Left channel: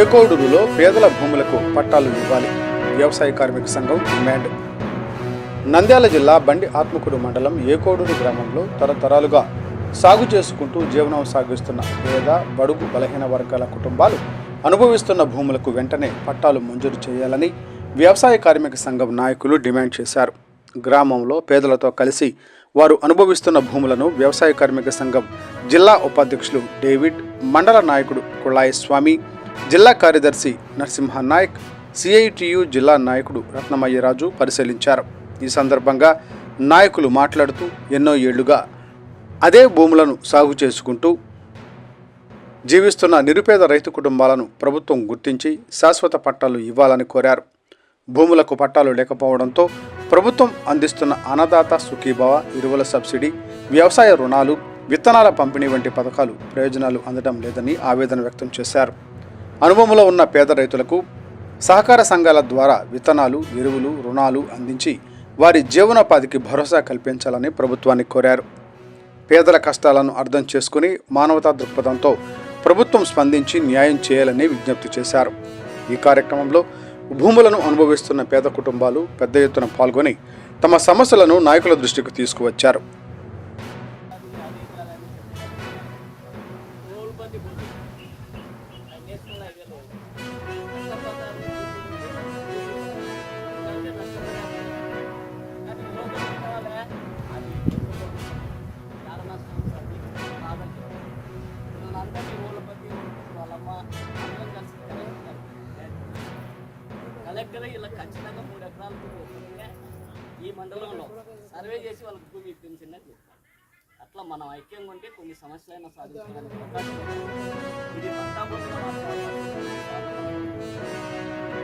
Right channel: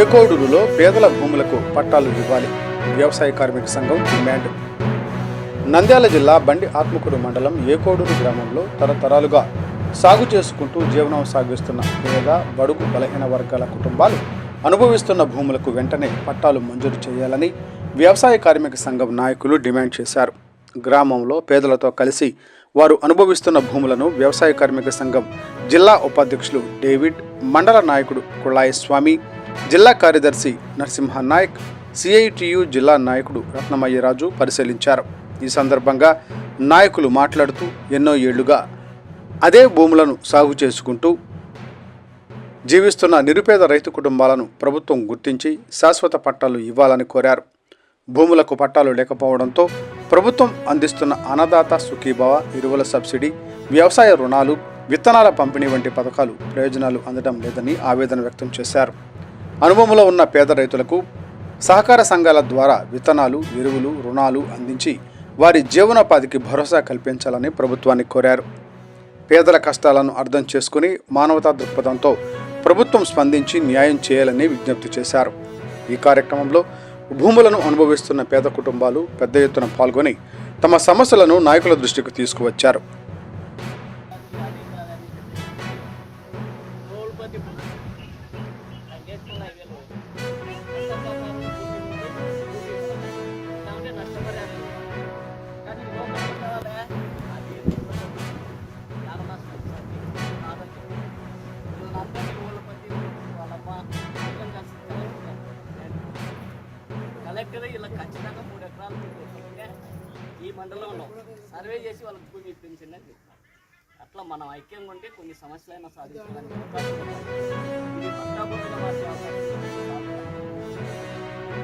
ఏకోడూరులో పేదల భూములకు పట్టాలు ఇవ్వాలి. వ్యవసాయ కార్మిక సంఘం డిమాండ్. నంద్యాల జిల్లా బండి ఆత్మకూరు మండలం ఏకోడూరు గ్రామంలో తరతరాలుగా సాగు చేసుకుంటూ జీవనం సాగిస్తున్న పేద బడుగు బలహీన వర్గాల కుటుంబాలు అనుభవిస్తున్న భూములకు వెంటనే పట్టాలు మంజూరు చేయాలని వ్యవసాయ కార్మిక సంఘం నాయకులు డిమాండ్ చేశారు. గ్రామంలో పేదలతో కలిసి వారు అనుభవిస్తున్న భూములను వ్యవసాయ కార్మిక సంఘం జిల్లా ఉపాధ్యక్షులు డేవిడ్, మండల నాయకుడు కుళాయి స్వామి, జిల్లా కార్యదర్శి నరసింహనాయక్, సిఐటియు జిల్లా నాయకుడు రత్నమయ్యరాజు పరిశీలించారు. ఈ సందర్భంగా నాయకులు మాట్లాడుతూ ఎన్నో ఏళ్లుగా అదే భూములను సాగు చేసుకుంటూ జీవిస్తున్న నిరుపేద రైతు కుటుంబాలను ప్రభుత్వం గుర్తించి శాశ్వత పట్టాలు ఇవ్వాలని కోరారు. భూములకు పట్టాలు లేకపోవడంతో ప్రభుత్వం అందిస్తున్న అన్నదాత సుఖీభవ, ఎరువుల సబ్సిడీ, వ్యవసాయ రుణాలు, విత్తనాల పంపిణీ వంటి పథకాలు ప్రయోజనాలు అందడం లేదని ఆవేదన వ్యక్తం చేశారు. అనుభవంలో ఉన్న పేద రైతులకు సహకార సంఘాల ద్వారా విత్తనాలు, ఎరువులు, రుణాలు అందించి వారి జీవనోపాధికి భరోసా కల్పించాలని ప్రభుత్వాన్ని కోరారు. పేదల కష్టాలను అర్థం చేసుకుని మానవతా దృక్పథంతో ప్రభుత్వం స్పందించి న్యాయం చేయాలని విజ్ఞప్తి చేశారు. ఈ కార్యక్రమంలో భూములను అనుభవిస్తున్న పేద కుటుంబాలు పెద్ద ఎత్తున పాల్గొని తమ సమస్యలను నాయకుల దృష్టికి తీసుకువచ్చారు. కలెక్టర్ ఇలా ఖచ్చితంగా 3 ఎకరాల భూమి ఈ మండలంలో సర్వే చేసి వాళ్ళకి భూమి ఇప్పించండి అని చెప్తారు. అట్లా మనం ఐక్యంగా ఉంటే కొన్ని సమస్యలైనా సాధించడానికి అవకాశం ఉంటుంది. ఇది పట్టా భూమిగా మార్చే అవకాశం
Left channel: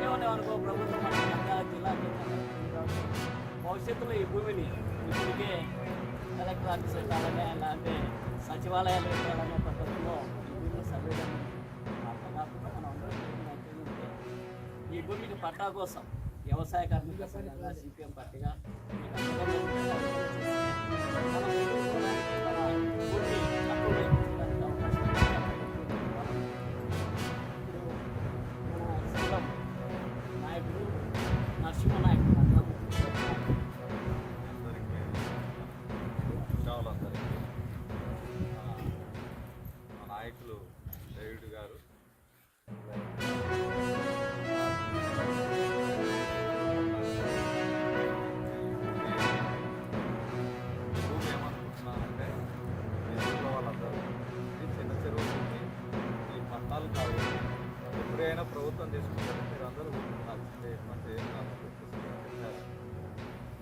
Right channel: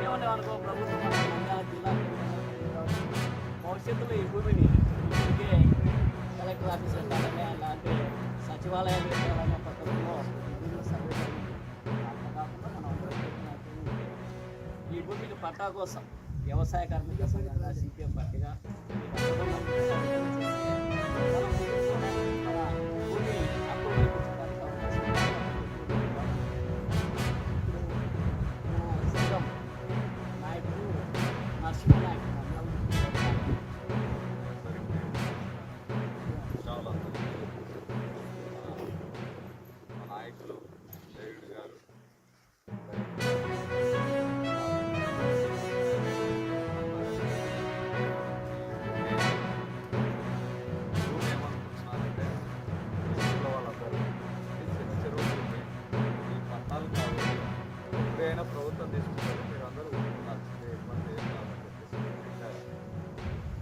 ఏమనేమనుకో ప్రభుత్వం మన నంద్యాల జిల్లా భవిష్యత్తులో ఈ భూమిని ఇప్పటికే కలెక్టర్ ఆఫీస్ పెట్టాలనే అలాంటి సచివాలయాలు పెట్టాలనే పద్ధతిలో ఈ భూమిలో సర్వే జరిగింది. అట్లా కాకుండా మనం అందరం ఐక్యంగా ఉంటే ఈ భూమికి పట్టా కోసం వ్యవసాయ కార్మిక సంఘంగా సిపిఎం పార్టీగా మీకు అనుబంధం మన భూమి హక్కు కల్పించడానికి అవకాశం ఇప్పుడు మన సంఘం నాయకుడు నరసింహనాయక్ మా నాయకులు డేవిడ్ గారు భూమి ఏమనుకుంటున్నానంటే ఊళ్ళో వాళ్ళందరూ ఇది చిన్న చెరువు భూమి, ఈ పట్టాలు కావు, ఎప్పుడైనా ప్రభుత్వం తీసుకుంటుంది, మీరు అందరూ ఊరుకున్నాల్సిందే, ఇబ్బంది ఏం కాదని చెప్పేసి చెప్పారు.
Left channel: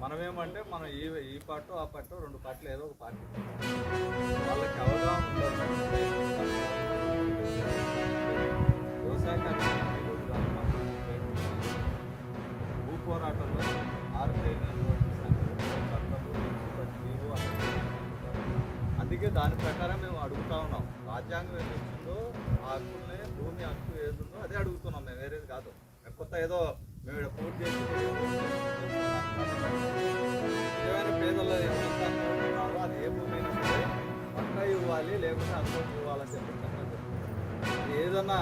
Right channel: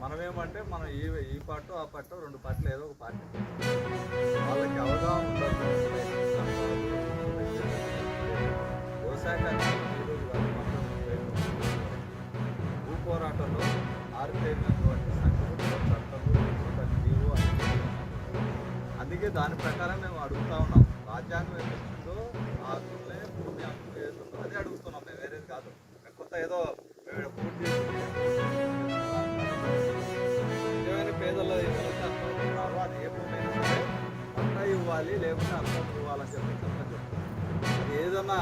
మనమేమంటే మనం ఈ పార్టీ ఆ పార్టీ 2 పార్టీలు ఏదో ఒక పార్టీ వాళ్ళకి అవగాహన ఉండదు. వ్యవసాయ కార్యక్రమం ఈరోజు కాదు, భూ పోరాటంలో ఆరుతేరినటువంటి సంఘము, చట్టము, ప్రతి జీవో అన్ని. అందుకే దాని ప్రకారం మేము అడుగుతా ఉన్నాం. రాజ్యాంగం ఏమిస్తుందో ఆ హక్కులనే భూమి హక్కు ఏముందో అదే అడుగుతున్నాం మేము, వేరేది కాదు. కొత్త ఏదో మేము పూర్తి చేసి నిజమైన పేదల్లో ఏమైనా అనుకుంటున్నారో అది ఏ భూమి అయినా సరే పట్టా ఇవ్వాలి, లేకుంటే అనుభవం ఇవ్వాలని చెప్పి చట్టం చెప్తాం. అది ఏదన్నా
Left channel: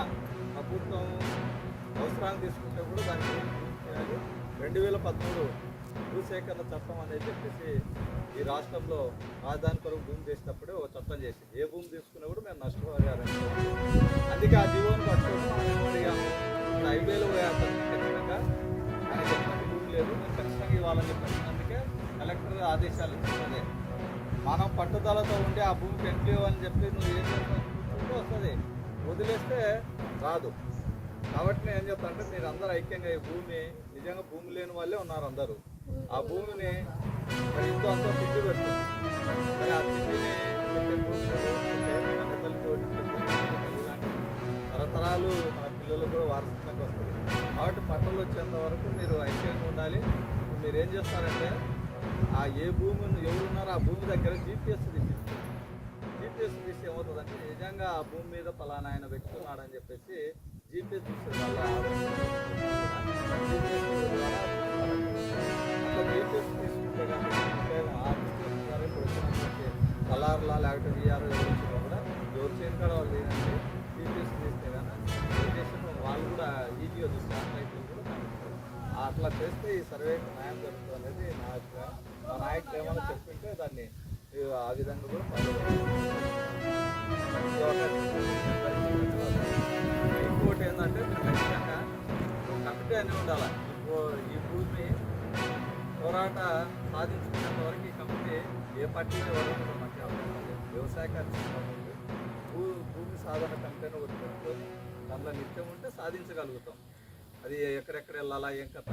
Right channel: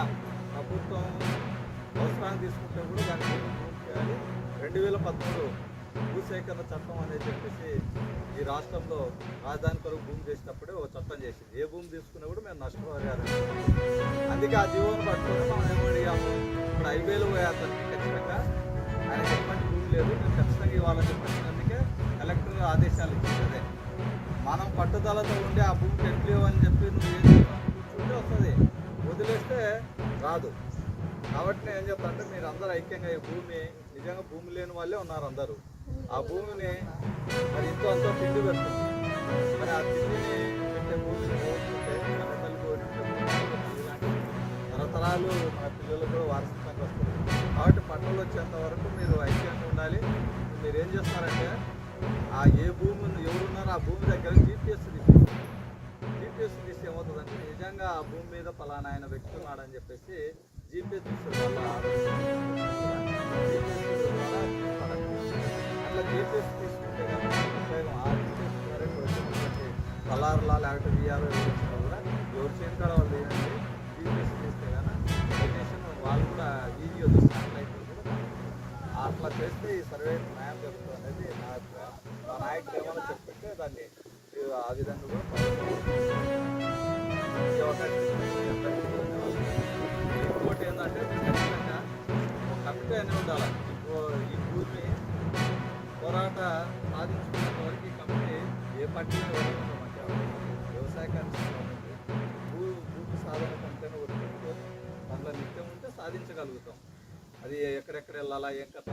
ప్రభుత్వం అవసరాన్ని తీసుకుంటే కూడా దాని భూమి చేయాలి. 2013 భూసేకరణ చట్టం అనేది చెప్పేసి ఈ రాష్ట్రంలో రాజధాని కొరకు భూమి చేసేటప్పుడే ఒక చట్టం చేసింది. ఏ భూమి తీసుకున్నా కూడా మేము నష్టపరిహారం. అందుకే ఆ జీవోను పట్టుకొని మనం ఏమడిగాము, ఇప్పుడు 5,000 పోయే అతనికి ఖచ్చితంగా ఆయనకు ఎటువంటి భూమి లేదు, మేము ఖచ్చితంగా ఇవ్వాలని చెప్పి అందుకే కలెక్టర్ ఆదేశాలు ఇచ్చింది. అదే మనం పట్టుదలతో ఉండి ఆ భూమికి ఎట్లు అని చెప్పి నువ్వు ఏం చేస్తావు కూర్చుంటే వస్తుంది, వదిలేస్తే రాదు. కాబట్టి నేను ఏం చెప్తా అంటే మీరు అందరూ ఐక్యంగా ఈ భూమి నిజంగా భూమి లేని వాళ్ళే ఉన్నారు అందరూ. ఆ భూమిని మరి ఇంతో అంతో తిండి పెడుతుంది, మరి ఆ తిండిని పెట్టే భూమిని పోతుంటే కన్న తల్లి పోతుంటే భూమి తల్లి లాంటిది తరతరాలు మన పిల్లలకు కూడా వారసత్వంగా వస్తుంది. కాబట్టి పట్టలు వచ్చేంత వరకు మీరు ఐక్యంగా ఉండాలి. ఇప్పుడు మీరు ఏం చేస్తారంటే ఆ ఏ భూమి ఎవరున్నారో ఆ భూమి దగ్గర జీపీఎస్ తీపిస్తారు. జీపీఎస్ తీసి ఏమవుతుందంటే నిజంగా ఆ భూమి మీద పలానా ఆయన వ్యక్తి ఉన్నాడని చెప్పేసి జీపీఎస్ చూస్తారు. వాళ్ళ జీపీఎస్ ద్వారా అట్లా జీపీఎస్ తీసుకుంటే కనుక ఆ జీపీఎస్ ద్వారా ఇప్పుడు వచ్చినటువంటి కలార్లా లేకపోతే వీఆర్ ఎవరు వచ్చినా కూడా ఎవరు చేయని కాడ వాళ్ళు ఏంటంటే జీపీఎస్ చేస్తే కానీ లొకేషన్ వాళ్ళు కూడా ఈజీగా శాటిలైట్లో కూడా కనిపిస్తుంది. అట్లా చేస్తే ఈ సర్వేకి న్యాయం జరుగుతుంది అనేది నా అభిప్రాయం. మా నాయకులు ఏమైనా చెప్పింటే దాన్ని ఆ విధంగా కూడా ఫాలో ఇంకోటి ఏంటంటే మీరు ఖచ్చితంగా ఒక కమిటీ అనేది ఉండాలి. ఈ భూమి పోరాట సాధించుకునేంత వరకు ఈ కమిటీ ఏ పార్టీలో ఎవరైనా మాకు అవసరం లేదు. వ్యవసాయకానికి సంబంధించి భూమి సాధన కమిటీని ఒకటి పెట్టుకొని దాంట్లో నిత్యం ఉంటే సాధించగలుగుతాం. అది ఎక్కడెక్కడ వెళ్ళాలా ఏం కథ